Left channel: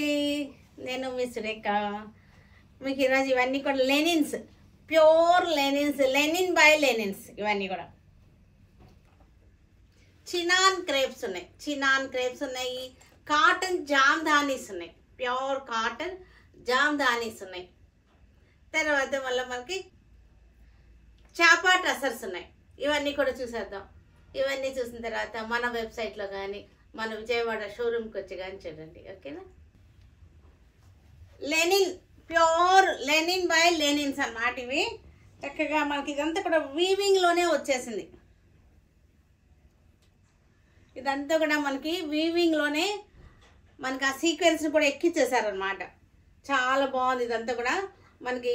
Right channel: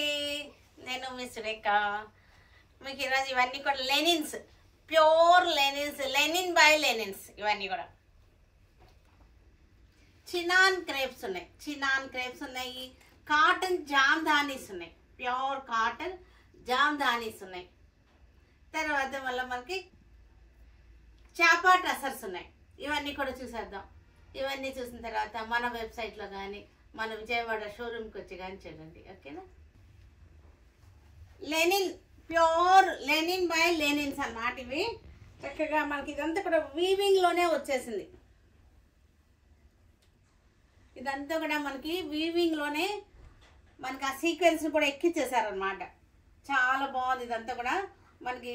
అండి, నేను మీ సురేఖ. మీకు ఈరోజు ఇవన్నీ కూడా linens, pure linens, Lenin by linens. ఇవన్నీ కూడా చినాన్ క్రేప్స్ ఉన్నాయి, చినాన్ క్రేప్స్ ఉన్నాయి. కాటన్ జామ్దానీస్ ఉన్నాయి, ప్యూర్ కాటన్ జామ్దానీస్ ఉన్నాయి. తర్వాత మళ్ళీ మనకి చాపా టసర్స్ ఉన్నాయి. ఇవన్నీ కూడా చూసేద్దాం. ఇవన్నీ చూసిన తర్వాత మన వెబ్సైట్లో కానీ మన విజయవాడ షోరూమ్కి వచ్చి కానీ చూడండి. ఓకేనా? Linen, pure linen by linens అన్నమాట. ఇవి చక్కగా మనకి ఇదంతా కూడా వీవింగ్లోనే వచ్చేసింది. ఇదంతా కూడా మనకి వీవింగ్లోనే మనకి ఆ సీక్వెన్స్ని కూడా ఎక్కిచ్చేసారనమాట. చాలా బాగుంది. ఇదంతా కూడా మనకి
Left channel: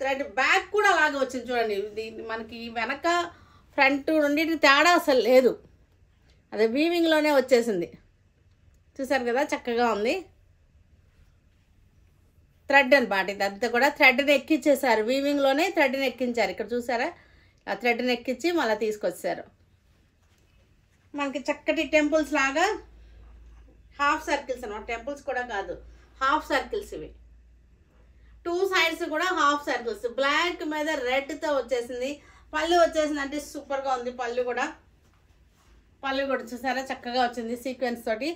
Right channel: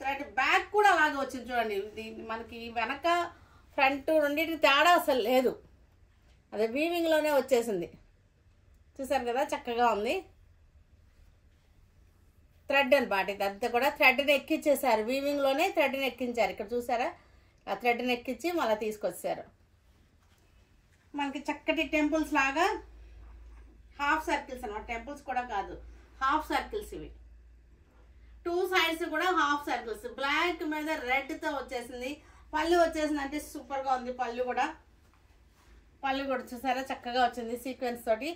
థ్రెడ్ బ్యాక్ కూడా అలాగే వచ్చింది చూడండి. ఇది మనకి వెనక ఫ్రంట్ నుండి తేడా అసలు లేదు, అదే వీవింగ్లోనే వచ్చేసింది. చూసారు కదా, చక్కగా ఉంది. థ్రెడ్ అనమాట. ఇదంతా కూడా థ్రెడ్ని ఎక్కించేసారు, వీవింగ్లోనే థ్రెడ్ని ఎక్కించారు. ఇక్కడ చూసారా, ఆ థ్రెడ్ని ఎక్కించి మళ్ళీ తీసుకొచ్చారు. మనకి చక్కటి టెంపుల్స్ లాగా హాఫ్ సర్కిల్స్ అన్నమాట. టెంపుల్స్ కూడా కాదు, హాఫ్ సర్కిల్స్ ఇవి. టూ సైడ్స్ కూడా హాఫ్ సర్కిల్స్. బ్లాక్ మీద రెడ్తో వచ్చేసింది. పళ్ళు వచ్చేసింది అంటే సూపర్గా ఉంది. పళ్ళు కూడా చూసారా, చక్కగా వచ్చింది సీక్వెన్స్ తోటి.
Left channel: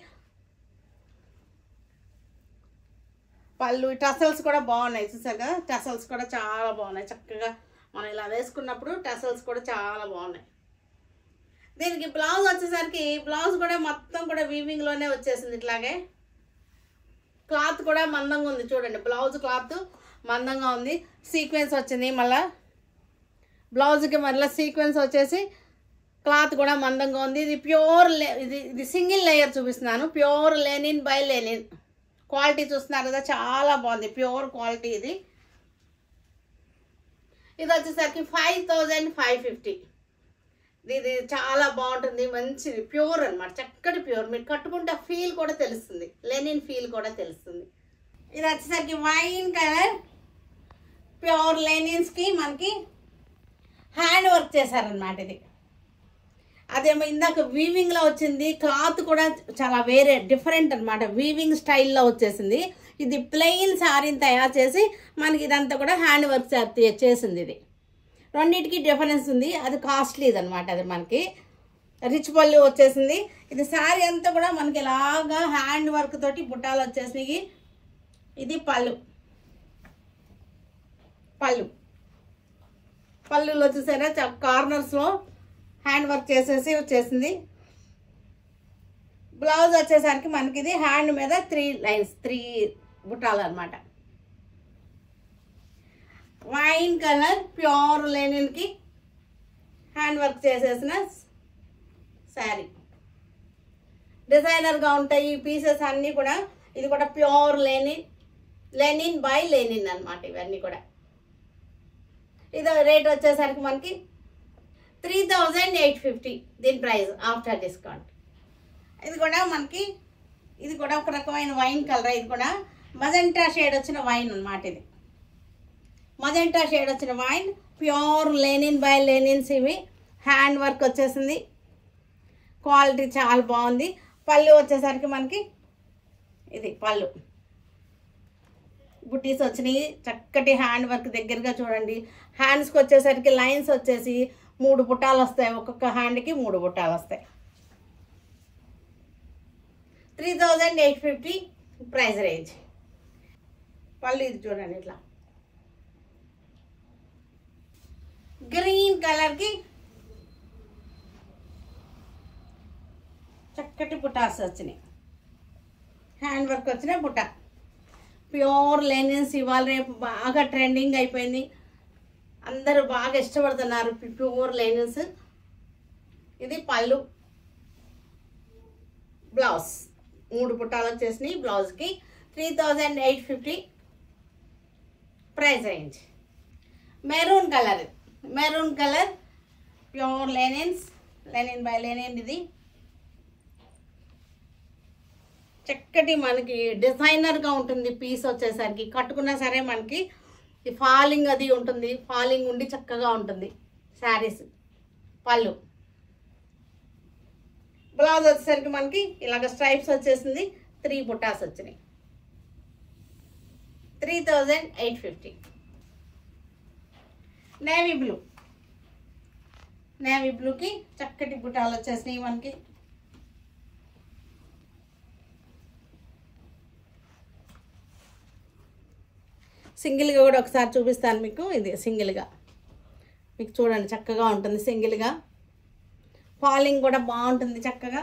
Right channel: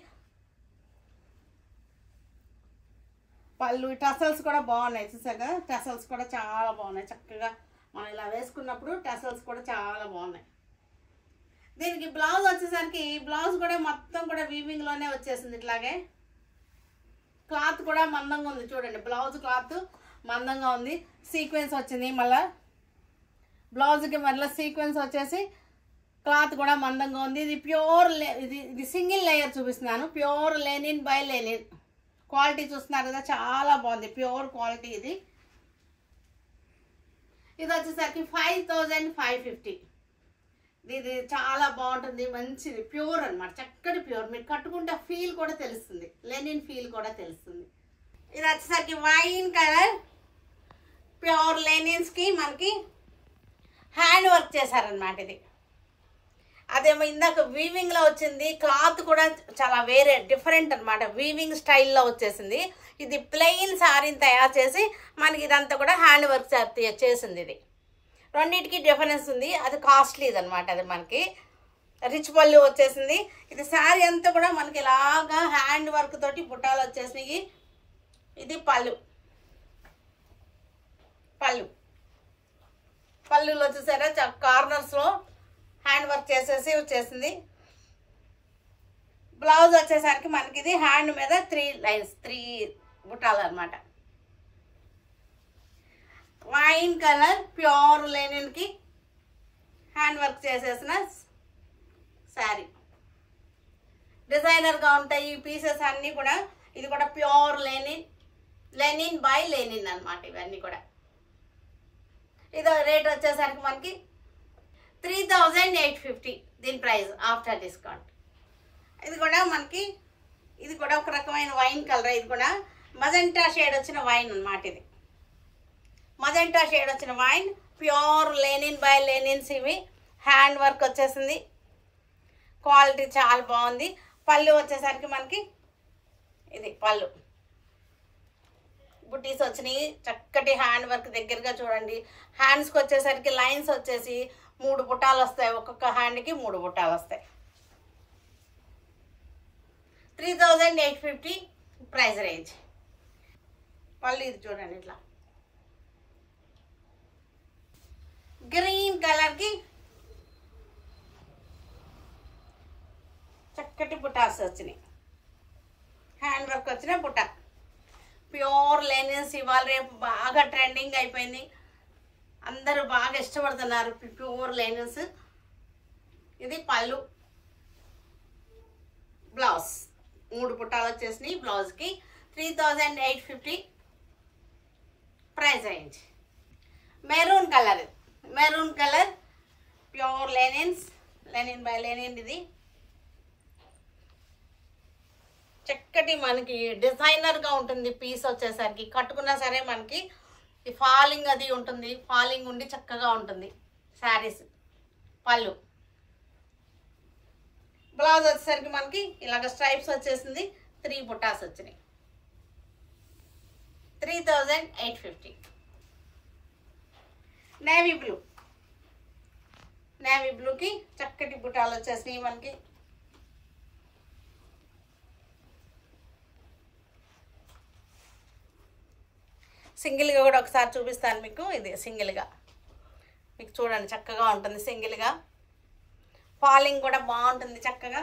పళ్ళు టసల్స్ కూడా బాగున్నాయి. చూసారు కదా, టసల్స్ కూడా చాలా బాగున్నాయి. చక్కగా మనం ఇలా వేసుకున్నప్పుడు టసల్స్ కూడా చాలా బాగున్నాయి. దీనికి బ్లౌజ్ వచ్చేసరికి బ్లౌజ్ కూడా మొత్తం కూడా వీవింగ్లోనే వచ్చేసింది. ఇట్లాగే క్లాత్ కూడా మందంగా ఉంది చూడండి. బ్లౌజ్ క్లాత్ మందంగా ఉంది. సీక్వెన్స్ వచ్చింది, మళ్ళీ బ్లౌజ్కి మళ్ళీ సీక్వెన్స్ వచ్చేసి క్లాత్ కూడా మందంగా ఉంది. ఇది ప్యూర్ ఇది సింగిల్ లేయర్ చూపిస్తున్నాను. Pure linen by Lenin. Quality చూస్తున్నారు కదా, చాలా బాగుంది. ప్యూర్ క్వాలిటీ ఇది. ఇది వచ్చేసరికి 5550. ఇది చాలా బాగుంటుంది, మంచిది, ప్యూర్ అనమాట. చక్కటి ప్యూర్. మీరు కట్టుకుంటే ఫీల్ కూడా తెలుస్తుంది, లెనిన్ ఫీల్ కూడా తెలుస్తుంది. ఇది వచ్చేసరికి వైన్ కలర్ ప్యూర్ లెనిన్స్కి మనకి హ్యాండ్ వర్క్ చేశారనమాట. ఇది అదేమో ఇందాక వీవింగ్లో వచ్చింది. క్లాత్ కూడా చాలా వేరే డిఫరెంట్ అనమాట. వీవింగ్ స్టైల్లో వచ్చేసింది. ఇది ప్లెయిన్ శారీని తయారు చేసి మనకి ఇదంతా కూడా హ్యాండ్ వర్క్ చేసింది. ఇది రెండింటికి డిఫరెన్స్ ఉంది. అది కాస్ట్లీ అనమాట. అది మనకి రిచ్ పళ్ళు వచ్చేసింది. ఇది శారీ అంతా కూడా మనకి ఇలాగా హ్యాండ్ వర్క్ తోటి బుట్టాలు వచ్చేసినాయి. ఇది పళ్ళులో చూసారా, కార్నర్స్లో హ్యాండ్ వర్క్ చేసేసి వచ్చేసింది. బ్లౌజ్ వచ్చేసరికి మనకి ఇది హ్యాండ్ మీద 3 లైన్స్, 3 బుట్టాలు అనమాట. వైన్ కలర్ ప్యూర్ లెనిన్కి హ్యాండ్ వర్క్ చేసేసిన శారీ. డిజైనర్గా ఉంటాయి ఈ పీసెస్ అన్నీ కూడా. ఇది కూడా ప్యూర్ లెనిన్ బై లెనిన్ అనమాట. ఇవన్నీ కూడా ఇది రేట్ వచ్చేసరికి మనకి 3850 దీని ప్రైస్ ఆఫ్టర్ డిస్కౌంట్. ఇది కూడా మనకి ఇది కూడా ఒక రకమైన వైన్ కలర్. ఇది కూడా మజెంటా షేడ్ వచ్చిన వైన్ అనమాట. ఇది మజెంటా షేడ్ వచ్చిన wine, pure linen by linens. ఇవి హ్యాండ్ వర్క్ వచ్చేసింది. క్వాలిటీ చాలా బాగుంది. పళ్ళు వచ్చేసరికి మనకి ఇది పళ్ళు బుట్టీస్ వచ్చినాయి. చక్కటి హ్యాండ్ వర్క్ దగ్గరగా చూడండి. హ్యాండ్స్కి వచ్చేసరికి లైన్స్ వచ్చేసి 3 బుట్టాలు వస్తాయి. ఒక్కొక్క హ్యాండ్కి 3 బుట్టాలు వస్తాయి. 3850 ప్రైస్ రేంజ్. పళ్ళు ఇది చూడండి, ఇట్లా గ్రీన్ కలర్కి చక్కటి బుట్టాస్ వచ్చినాయి. హ్యాండ్ వర్క్ వచ్చిన బుట్ట. ప్యూర్ లెనిన్స్ ఇవాళ రేపు బాగా ట్రెండింగ్ అయిపోయింది. అందరూ బాగా ఇష్టపడుతున్నారు ప్యూర్ లెనిన్స్. ఇది పళ్ళు. బ్లౌజ్ 3 బుట్టాలు వచ్చేసినాయి. బ్లౌజ్కి 3850 price range. Maroon colour pure linen by Lenin. ఇది చక్కటి మనకి డిజైనర్గా ఉంటుంది. పీస్ వచ్చేసరికి కట్టుకున్నా సరే మనకి ఫాలింగ్ అది ఉంటుంది. ఫాలింగ్ ఉండి చక్కగా ఉంటుంది శారీస్. పళ్ళు బ్లౌజ్ వచ్చేసరికి మనకి ఇలాగ స్ట్రైప్స్ వచ్చేసింది. 3 బుటాస్ వచ్చినాయి. 3850. నేవీ బ్లూకి చక్కటి బుటాలు వచ్చేసినాయి మనకి. సింగిల్గా కూడా ఒకసారి చూపిస్తాను మీకు. ఇది సింగిల్గా మీకు చూడండి చక్కగా ఉంటుంది. సింగిల్గా ఫాలింగ్ కూడా బాగుంటుంది చక్కగా.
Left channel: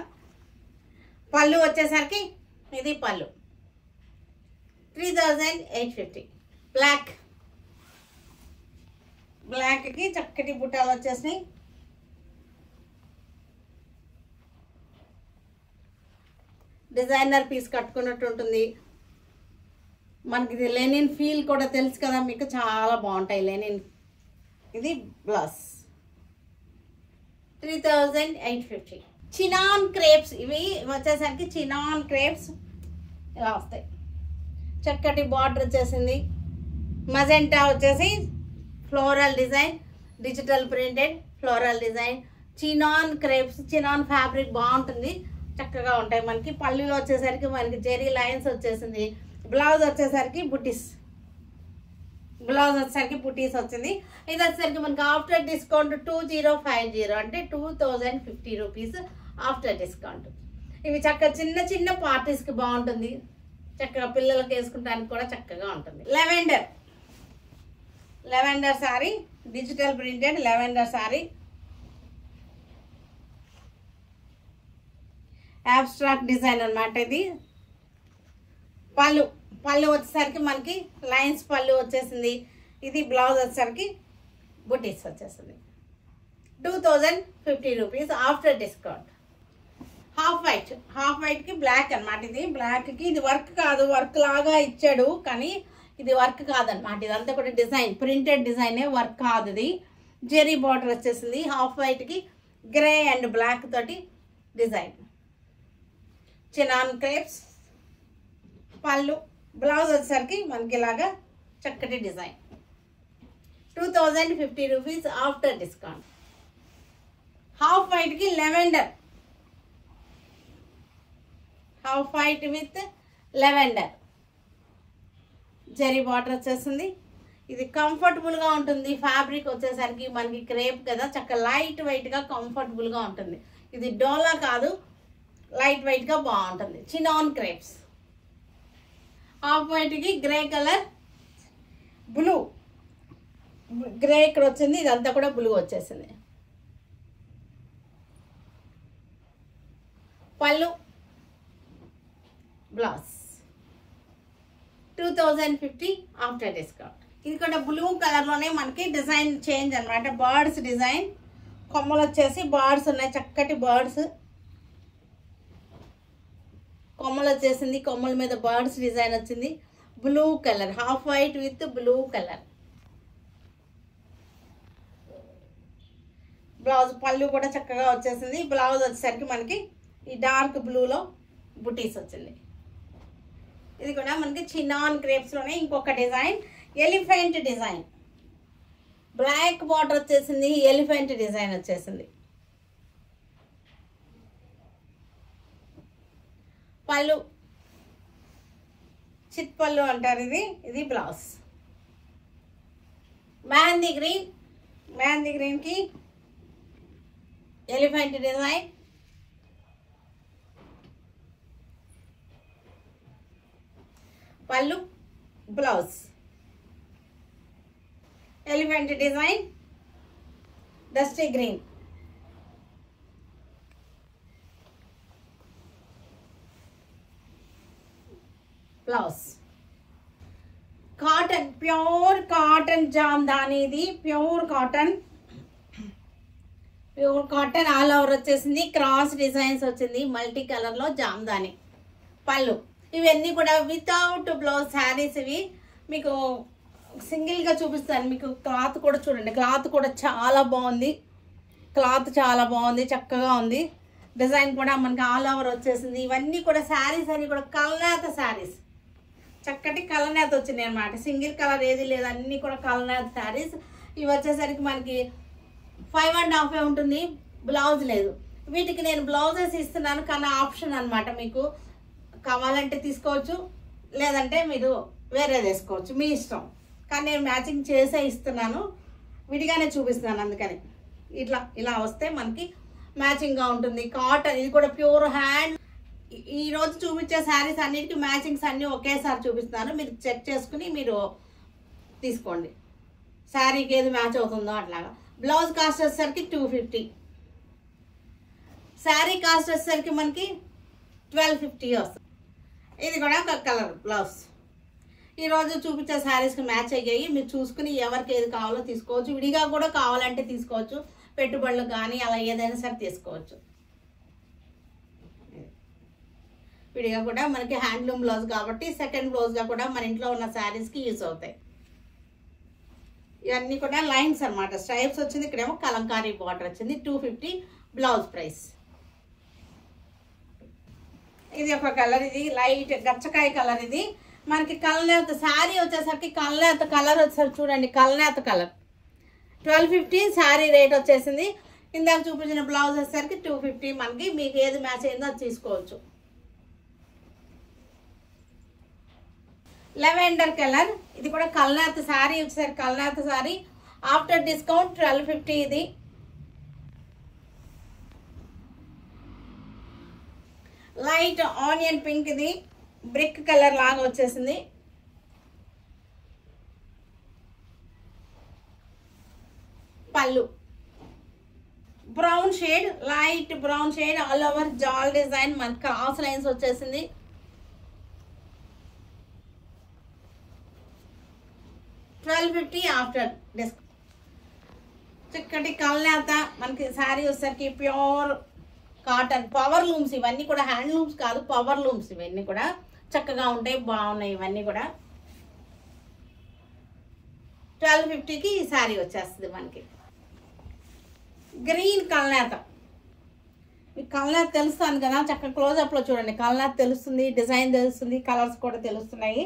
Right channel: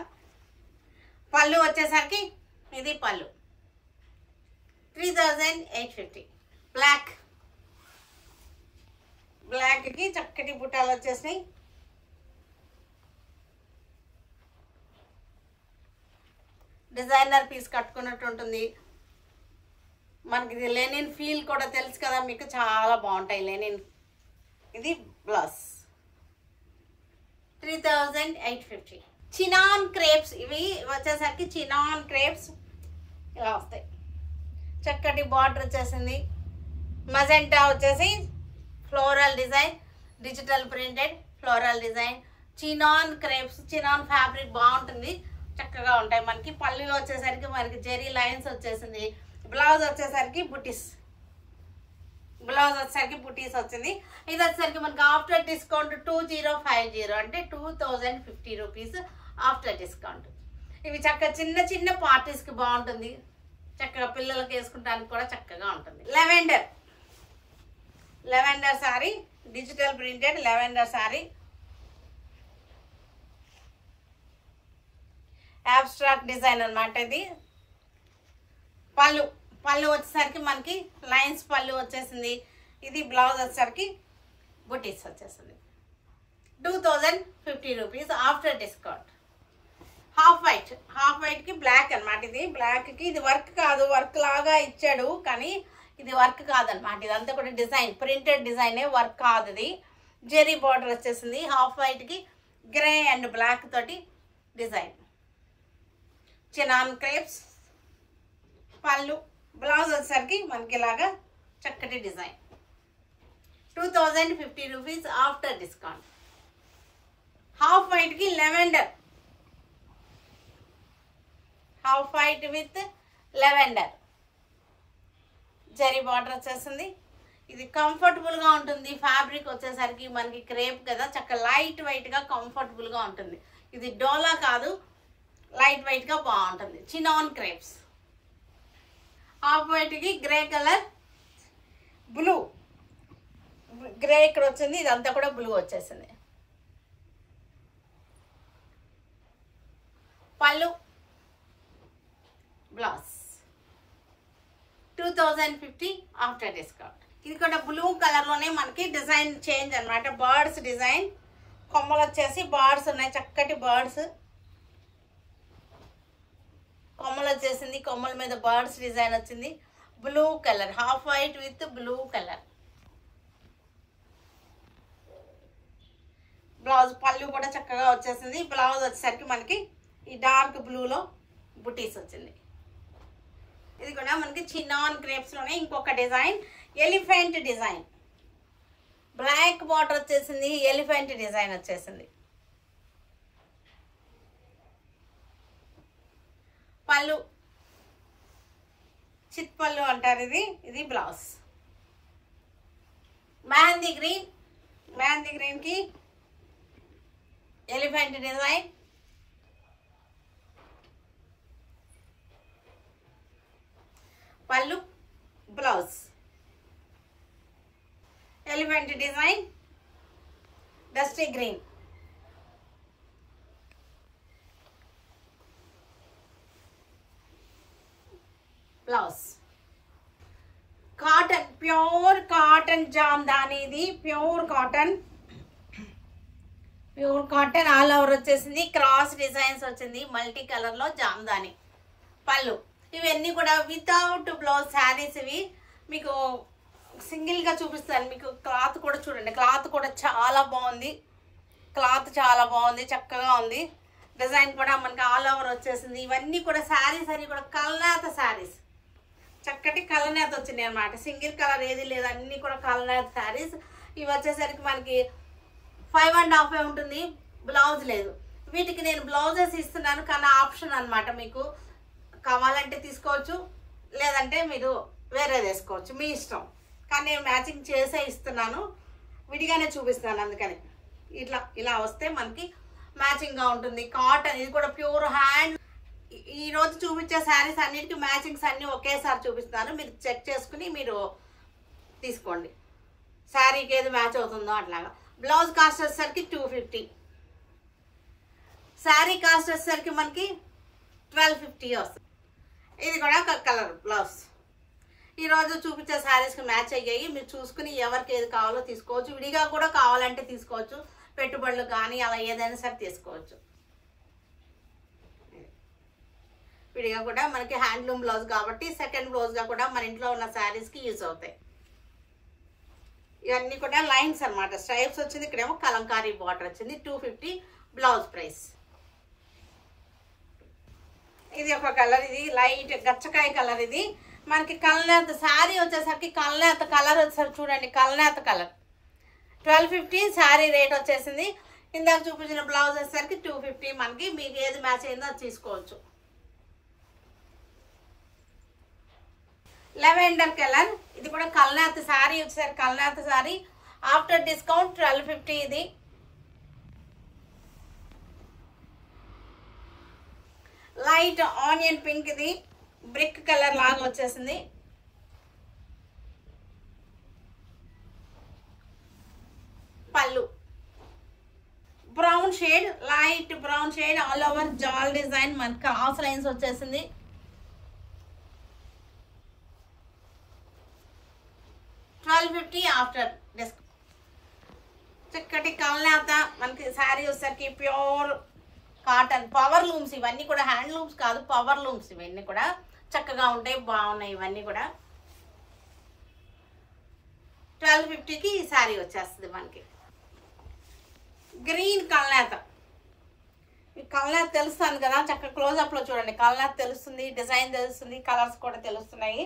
పళ్ళు వచ్చేసరికి ఇది పళ్ళు 3850. బ్లాక్కి చక్కటి బుట్టాలు వచ్చేసినాయి. డిజైనర్ పీస్ కట్టుకున్నట్టు ఉంటుంది మనకి. ఇది లెనిన్ ఫీల్ కూడా తెలుసు కదా మీకు, చాలా బాగుంటాయి లెనిన్. ఇది బ్లౌజ్ 3850. చినాన్ క్రేప్స్ ఇవి వచ్చేసరికి చినాన్ క్రేప్స్ ఇలా వస్తాయి. చక్కటి బార్డర్ వచ్చేసింది. మజెంటా వచ్చేసి floral design, digital printed floral design. Chinon crepes, chinon fabric బాగుంటుంది, చక్కగా ఉంటాయి మనకి. పళ్ళులో వచ్చేసరికి మనకి జెరీ లైన్స్ వచ్చేసింది. బ్లౌజ్ వచ్చేసరికి బుటీస్ వచ్చింది. ఇది వచ్చేసరికి మనకి ఆఫ్టర్ డిస్కౌంట్ 2050 అంటే 2050 రూపీస్ ఆఫ్టర్ డిస్కౌంట్. ఇవి చక్కగా చిన్న చిన్న పార్టీస్కి బాగుంటుంది, చక్కగా పిల్లలకి వేసుకుంటానికి కూడా చక్కగా ఉంటుంది. Lavender sorry, digital printed lavender sorry. Abstract design అన్నమాట ఇది. పళ్ళు వచ్చేసరికి మనకి లైన్స్ పళ్ళు వచ్చేసింది. ఇది బ్లౌజ్ వచ్చేసరికి బుటీస్ వచ్చేసింది. 2050 రూపీస్ ఆఫ్టర్ డిస్కౌంట్. హాఫ్ వైట్కి బ్లాక్ అనమాట. ఇది బ్లాక్కి ఇది వర్క్ కాదు, వర్క్ లాగా ఇచ్చాడు కానీ ఇది వర్క్ కాదనమాట. ఇదంతా కూడా డిజైన్, ప్రింటెడ్ డిజైనే, వర్క్ కాదు. ఇది జెరీ బార్డర్ వచ్చేసింది. హాఫ్ వైట్కి గ్రే అండ్ బ్లాక్ తోటి డిజైన్. చినాన్ క్రేప్స్ పళ్ళు. బ్లౌజ్ వచ్చేసరికి మనకి ఇలాగా చక్కటి design. 2050 rupees after discount. Half వైట్కి lavender, half white with lavender zari border వచ్చేసింది. ఇది కంఫర్టబుల్గా ఉంటుంది. ఫ్యాబ్రిక్ వచ్చేసరికి మనకి క్రేప్ కదా, చక్కగా లైట్ వెయిట్గా కంఫర్టబుల్గా ఉంటుంది. ఇది డోలా కాదు, లైట్ వెయిట్గా బాగుంటుంది. Chinon crepes. హాఫ్ వైట్కి గ్రే కలర్, బ్లూ గ్రే ఇక్కడ వచ్చింది. ఇదంతా కూడా బ్లూ వచ్చేసింది. పళ్ళు, బ్లౌజ్ 2050 ఆఫ్టర్ డిస్కౌంట్. ఇది కూడా బ్లూ కలర్లోనే మనకి డిజైన్ చేంజ్ అనమాట. బర్డ్స్ డిజైన్, కొమ్మలు వచ్చేసి బర్డ్స్ ఉన్నాయి, చక్కటి బర్డ్స్ కొమ్మలు వచ్చేసింది. కొమ్మల మీద బర్డ్స్ డిజైన్ వచ్చింది. Blue colour, half white with blue colour. Blouse పళ్ళు కూడా చక్కగా వచ్చేసింది. బ్లౌజ్ వచ్చేసరికి మనకి ఈ డార్క్ బ్లూలో బుటీస్ వచ్చింది. ఇది కూడా మనకి చినాన్ క్రేప్స్లోనే ఇంకొక design, elephant design. Black border వచ్చేసింది, ఎలిఫెంట్ డిజైన్ వచ్చేసింది. పళ్ళు చిత్ పళ్ళు అంటారు ఇది. ఇది బ్లౌజ్. మెహందీ గ్రీన్కి ఎలిఫెంట్ డిజైన్. పళ్ళు, blouse elephant design, dusty green. Blouse cotton, pure cotton Jamdani. ఇది ప్యూర్ కాటన్ ఆల్ ఓవర్ వచ్చేసింది. క్రాస్ డిజైన్స్ వచ్చింది, మల్టీ కలర్లో జామ్దాని. పళ్ళు ఇవన్నీ కూడా వితౌట్ బ్లౌజ్ శారీస్. ఇవి మీకు సింగిల్గా చూపిస్తాను. మీకు క్లాత్ కూడా చూడండి, క్లాత్ కూడా చాలా బాగుంది. చక్కగా ఉంది. డిజైన్ కూడా మనకి ఆల్ ఓవర్ వచ్చేసింది. ఇవన్నీ కూడా శారీస్ అన్ని కూడా కలనేత శారీస్, చక్కటి కలనేత వచ్చినాయి అనమాట. సింగిల్ కలర్ ఏది లేదు, అన్నీ కూడా కలనేత శారీస్. ఇవి వచ్చేసరికి మనకి 5.5 ఉంటుంది, బ్లౌజ్ లేదు. వీటికి నేను బ్లౌజెస్ ఇస్తున్నాను కానీ ఆప్షన్ అనమాట. మీకు కావాలంటే తీసుకోవచ్చు, లేదంటే మీరు వేరే తీసుకోవచ్చు, మీ ఇష్టం. కానీ నేను మ్యాచింగ్ చేసే ఇస్తున్నాను, విడిగానే చూపిస్తున్నాను. అందుకని ఇలా వస్తే మనకి మ్యాచింగ్గా ఉంటుంది. కాటన్, ఇది కూడా ప్యూర్ హ్యాండ్. ఈరోజు చూపించే శారీస్ అన్నిటికీ మ్యాచింగ్స్ అన్నీ ఒకేసారి చూపిస్తున్నాను. మీరు చెక్ చేసుకుని మీరు తీసుకోండి, శారీకి ఏది మ్యాచ్ అవుతుందో అట్లాగా. బ్లౌజ్ కాస్ట్ వచ్చేసరికి 250. శారీ కాస్ట్ వచ్చేసరికి మనకి 1250 వస్తుంది. ఇది కూడా కలర్ బ్లౌజ్. ఈరోజు చూపించే శారీస్కి మ్యాచ్ అయ్యాయి. మీరు చూసుకుని ఎవరికి ఏది కావాలో తీసుకోవచ్చు. విడిగా కూడా కావాలంటే తీసుకోవచ్చు, పెట్టుబడులు కానీ అలా ఏదైనా సరే తీసుకోవచ్చు. విడిగా కూడా మనకి హ్యాండ్లూమ్ బ్లౌజ్ కాబట్టి సెకండ్ బ్లౌజ్గా కూడా మన ఇంట్లో ఉన్న శారీస్కి యూజ్ అవుతాయి. ఇవన్నీ కూడా లైన్స్ అనమాట, స్ట్రైప్స్ వచ్చింది. ఇక్కడేమో కలంకారీ బార్డర్ వచ్చింది. 250 బ్లౌజ్ ప్రైస్. ఇది ఒక కలర్, ఇది లైట్ గచ్చకాయ కలర్. ఇది మనకి కల్నేత శారీ వచ్చేసరికి కల్నేత కలర్ వచ్చేసరికి చూడండి, కల్నేత కలర్ 1250 శారీ రేట్ వచ్చేసింది. ఇందాక చూపించిన బ్లౌజ్ వచ్చేసరికి 250. మనకి మీకు ఏది మ్యాచ్ అయిందో అది తీసుకోవచ్చు. లెవెండర్ కలర్, ఇది కూడా కల్నేత శారీ వచ్చేసరికి కల్నేత శారీ. After discount 1250. ఇది లైట్ ఆనియన్ పింక్, ఇది బ్రిక్ కలర్ లాగా వచ్చేసింది. పళ్ళు brown shade, light brown shade, all over jaal design, మన క్రాస్ లైన్స్ వచ్చేసింది. $1250 ఆఫ్టర్ డిస్కౌంట్. చక్కటి కల్నేత మనకి శారీ వచ్చేసరికి ప్యూర్ కాటన్, పవర్ లూమ్స్. ఇవన్నీ కూడా హ్యాండ్ లూమ్స్ కాదు, పవర్ లూమ్స్. ఇవన్నీ కూడా చక్కగా ఉంటాయి, బాగున్నాయి. ఇవన్నీ కూడా 1250కి ఈ శారీ వచ్చేస్తుంది మనకి. గ్రీన్ కల్నేత, మీకు కల్నేత తెలుస్తుంది కదా, చక్కగా క్లోజప్లో చూడండి. కల్నేత తెలుస్తుంది, డిజైన్ తెలుస్తుంది, కలర్స్ కూడా తెలుస్తున్నాయి,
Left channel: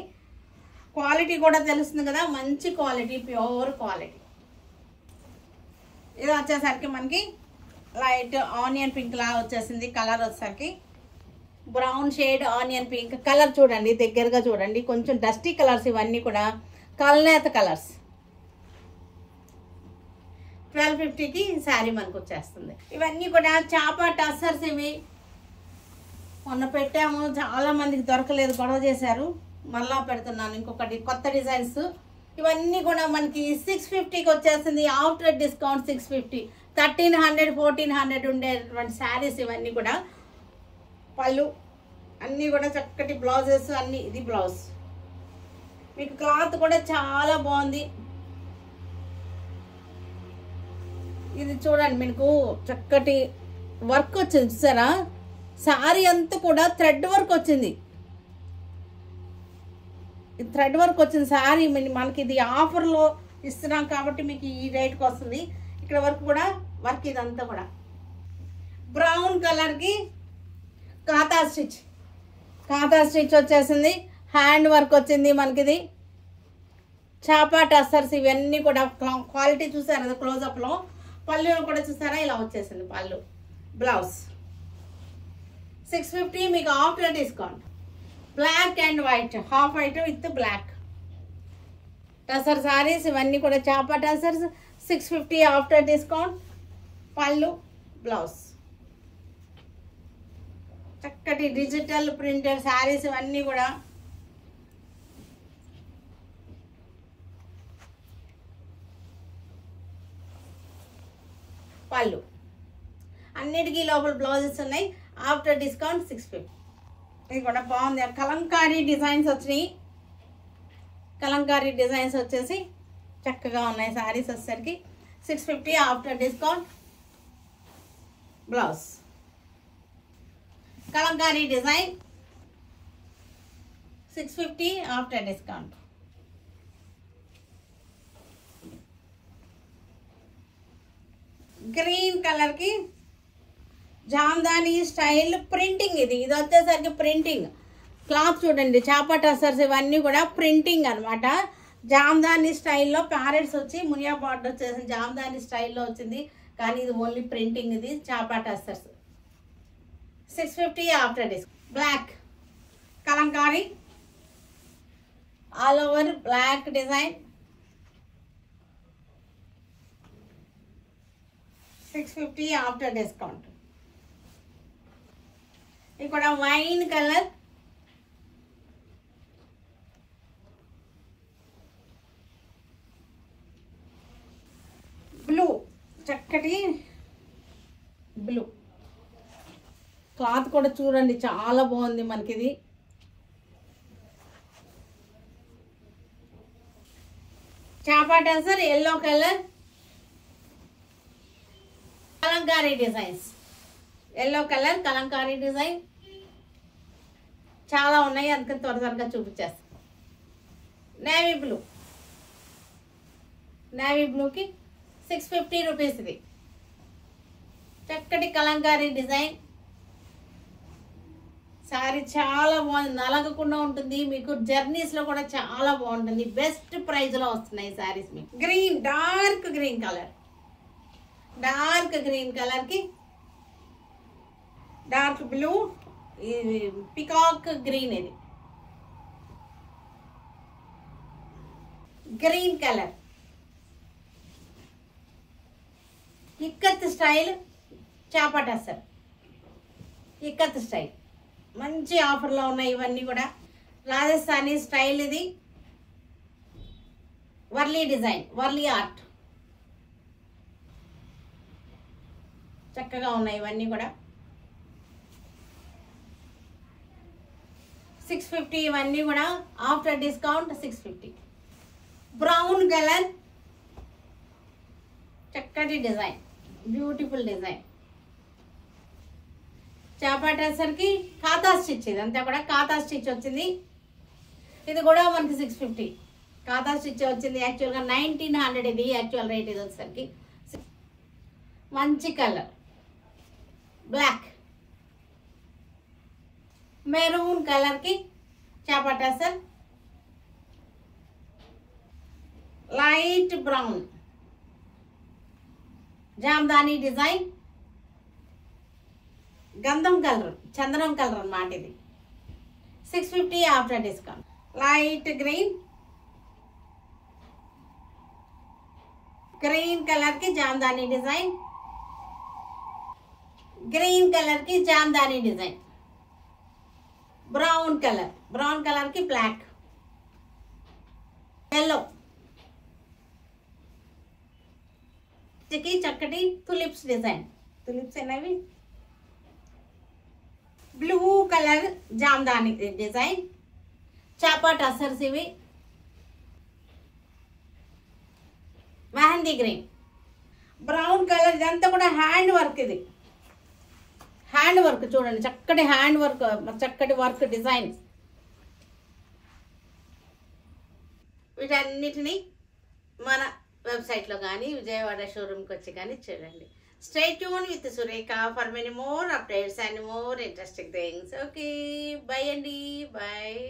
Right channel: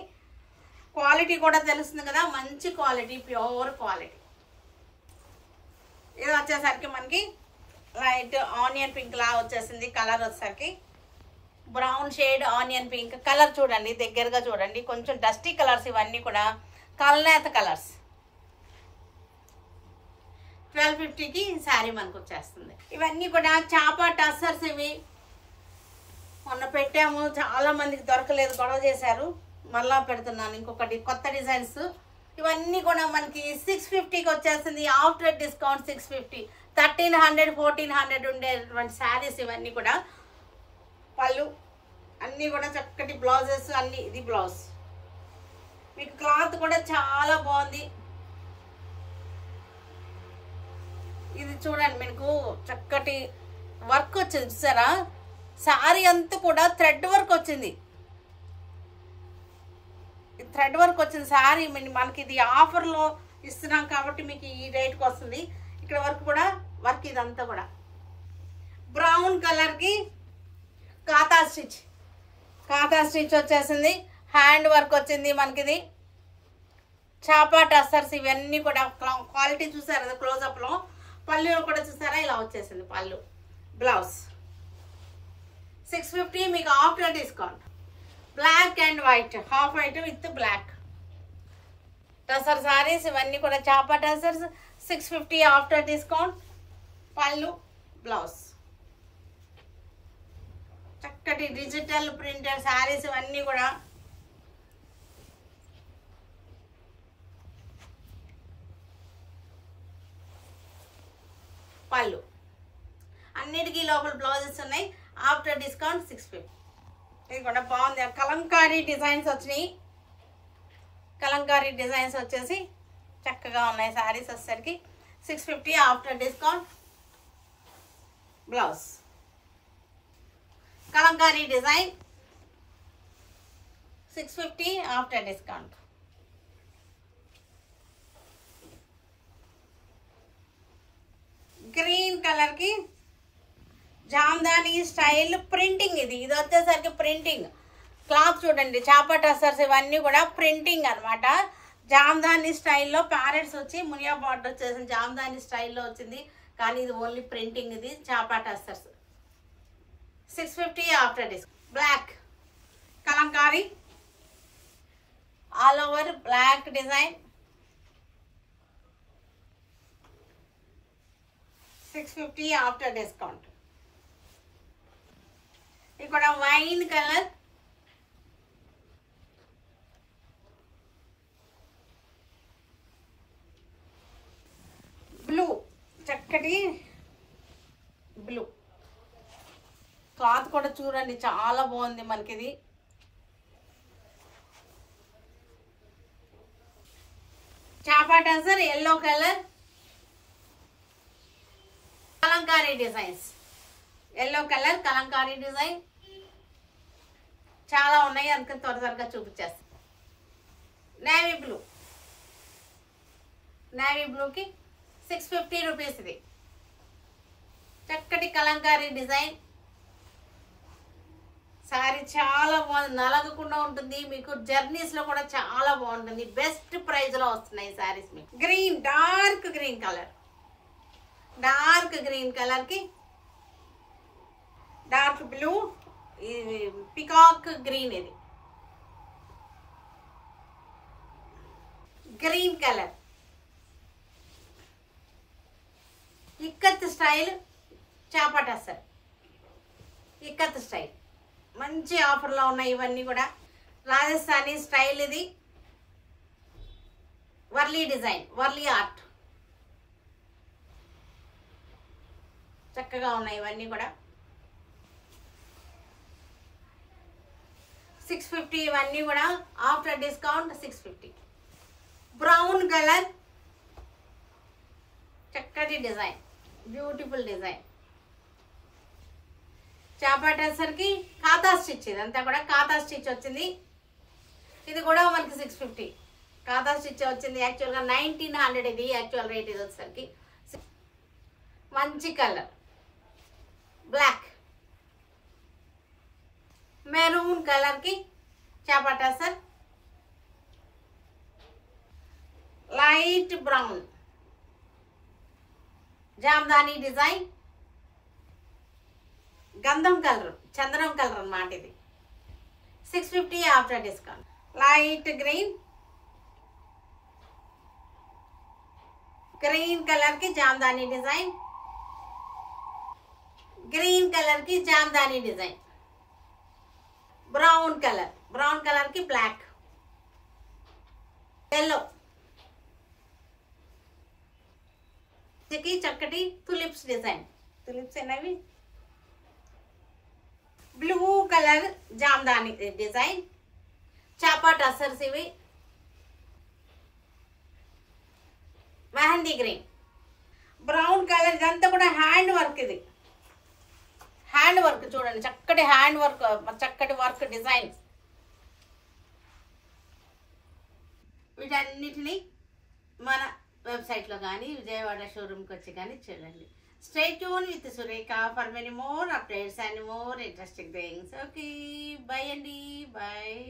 క్వాలిటీ కూడా తెలుస్తుంది కదా, మంచి క్వాలిటీ, ప్యూర్ క్వాలిటీ. ఇది వచ్చేసరికి మనకి లైట్ ఆనియన్ పింక్ లాగా వచ్చేసింది. కలర్ వచ్చేసరికి brown shade onion pink colour. చూడండి దగ్గరగా చూడండి, కొంచెం డస్టీ కలర్స్. ఇవన్నీ కూడా కల్నేత కలర్స్. 1250కి శారీ మనకు వచ్చేస్తుంది. ఇవన్నీ కూడా చాపా టస్సర్స్. ఇవి మొన్న పెట్టాము, చాలా మందికి దొరకలేదు, గొడవ చేశారు. మళ్ళా పెడుతున్నాను ఇంకొకటి కొత్త డిజైన్స్. ఇవన్నీ కూడా మనకి 650కి వచ్చేసింది. After discount 650. 1300 1400 ఉండేటువంటి శారీస్ ఇవన్నీ కూడా. పళ్ళు అన్నీ కూడా చక్కటి బ్లౌజెస్ అన్నీ. ఇది బ్లౌజ్, మీకు క్లాత్ కూడా చాలా బాగుంది. ఇది చూడండి, మీకు చక్కటి వర్క్ వచ్చింది చూసారా, శారీ అంతా కూడా థ్రెడ్ వర్క్ వచ్చింది. థ్రెడ్ వర్క్ వచ్చింది శారీ. మనకి ఇది ఆఫర్లో ఇస్తున్నాం కాబట్టి మీకు ఈ రేట్కి వస్తుంది. ఇక్కడ వరకు కూడా వర్క్, ఇదంతా కూడా బ్రౌన్ కలర్కి కాతా స్టిచ్. కాతా స్టిచ్ వచ్చేసింది, హ్యాండ్ వర్క్ వచ్చింది మనకి. ఇది చాపా టస్సర్స్. ఇవన్నీ కూడా క్వాలిటీ చూసారు క్లోజప్లో. పళ్ళు కూడా చూసారా, ఇలా వచ్చేసింది పళ్ళు. బ్లౌజ్ 650 మీకు after discount. Black and white, half white with black tussar saris. ఇవన్నీ కూడా చాపా టసర్స్. 650 after discount. పళ్ళు బ్లౌజ్ చక్కటి డిజిటల్ ప్రింటెడ్ శారీస్. ఇవన్నీ కూడా పళ్ళు. అన్నిటికీ లోపల బ్లౌజెస్ ఉన్నాయి. After discount 650. ఇది కూడా బాగుంది. కలంకారీ డిజైన్స్ వచ్చినాయి. కలంకారీ డిజైన్స్ వచ్చేసి చక్కగా ఉన్నాయి శారీస్ వచ్చేసరికి. 650 after discount. Blouse Kalamkari design 650 after discount. Green colour కి జామ్దాని స్టైల్ ప్రింటింగ్. ఇది వచ్చేసరికి ప్రింటింగ్ క్లాత్ చూడండి. చాపా టసర్స్ ఇవన్నీ కూడా ప్రింటింగ్ అనమాట. జామ్దాని స్టైల్లో ప్యారెట్స్ వచ్చి మునియా బార్డర్ వచ్చేసి జామ్దాని స్టైల్లో వచ్చింది. కానీ ఇది ఓన్లీ ప్రింటింగ్. ఇది చాపా tussars 650 after discount. Black kalamkari all over black design 650 after discount. ఇక్కడ వైన్ కలర్, బ్లూ, చక్కటి బ్లూ క్లాత్ కూడా చూడండి చాలా బాగుంది మనకి. ఇది చాపా tussar yellow colour, kalamkari designs, yellow colour kalamkari design చాలా ఉన్నాయి, అందుకని త్వరగా చూపించేస్తాను. నేవీ బ్లూ, నేవీ బ్లూకి 650 రూపీస్. ఇది చక్కటి కలంకారీ డిజైన్. సారీ చాలా బాగుంది, నలగకుండా ఉంటుంది, మీకు జర్నీస్లో కూడా చాలా బాగుంటుంది. బెస్ట్ ప్రైస్లో వస్తున్నాయి సారీస్ మీకు. Green, dark green colour, dark green కలర్కి డార్క్ బ్లూ, ఇది పికాక్ గ్రీన్, ఇది గ్రీన్ కలర్, ఇక్కత్ స్టైల్ చాపా టసర్, ఇక్కత్ స్టైల్ మంచి ఆఫర్లో ఉన్నాయి ఇవన్నీ కూడా. రాజస్థానీ స్టైల్, ఇది వర్లీ డిజైన్, వర్లీ ఆర్ట్, చక్కగా ఉన్నాయి ఇవన్నీ కూడా. 650 ఇవన్నీ కూడా ఆఫ్టర్ డిస్కౌంట్ 650. బ్రౌన్ కలర్, చక్కటి డిజైన్, బ్యూటిఫుల్ డిజైన్. చాపా టసర్కి ఖాతా స్టిచ్, ఇదంతా కూడా ఖాతా స్టిచ్ వచ్చింది. ఇది కూడా మనకి 650 ఖాతా స్టిచ్ వచ్చింది. యాక్చువల్గా 1900 ఇది యాక్చువల్ రేట్. ఇది వచ్చేసరికి మంచి కలర్ బ్లాక్, మెరూన్ కలర్కి చాపా tussar, light brown Jamdani design, గంధం కలర్, చందనం కలర్ అన్నమాట. ఇది 650 after discount. Light green, green కలర్కి జామ్దాని డిజైన్, గ్రీన్ కలర్కి Jamdani design. Brown colour, brown కలర్కి బ్లాక్, ఎల్లో, చక్కటి తులిప్స్ డిజైన్, తులిప్స్ అనేవి. బ్లూ కలర్ జామ్దాని డిజైన్, చాపా టసర్స్ ఇవి. మెహందీ గ్రీన్, బ్రౌన్ కలర్, ఇదంతా కూడా హ్యాండ్ వర్క్. ఇది హ్యాండ్ వర్క్ చూడండి, చక్కటి హ్యాండ్ వర్క్, చక్కటి వర్క్ డిజైన్. వీటన్నిటినీ మన వెబ్సైట్లో కానీ విజయవాడ షోరూమ్కి వచ్చి కానీ చూడండి. Stay tuned with Surekha for many more updates and more interesting things. Okay, bye Andy, bye.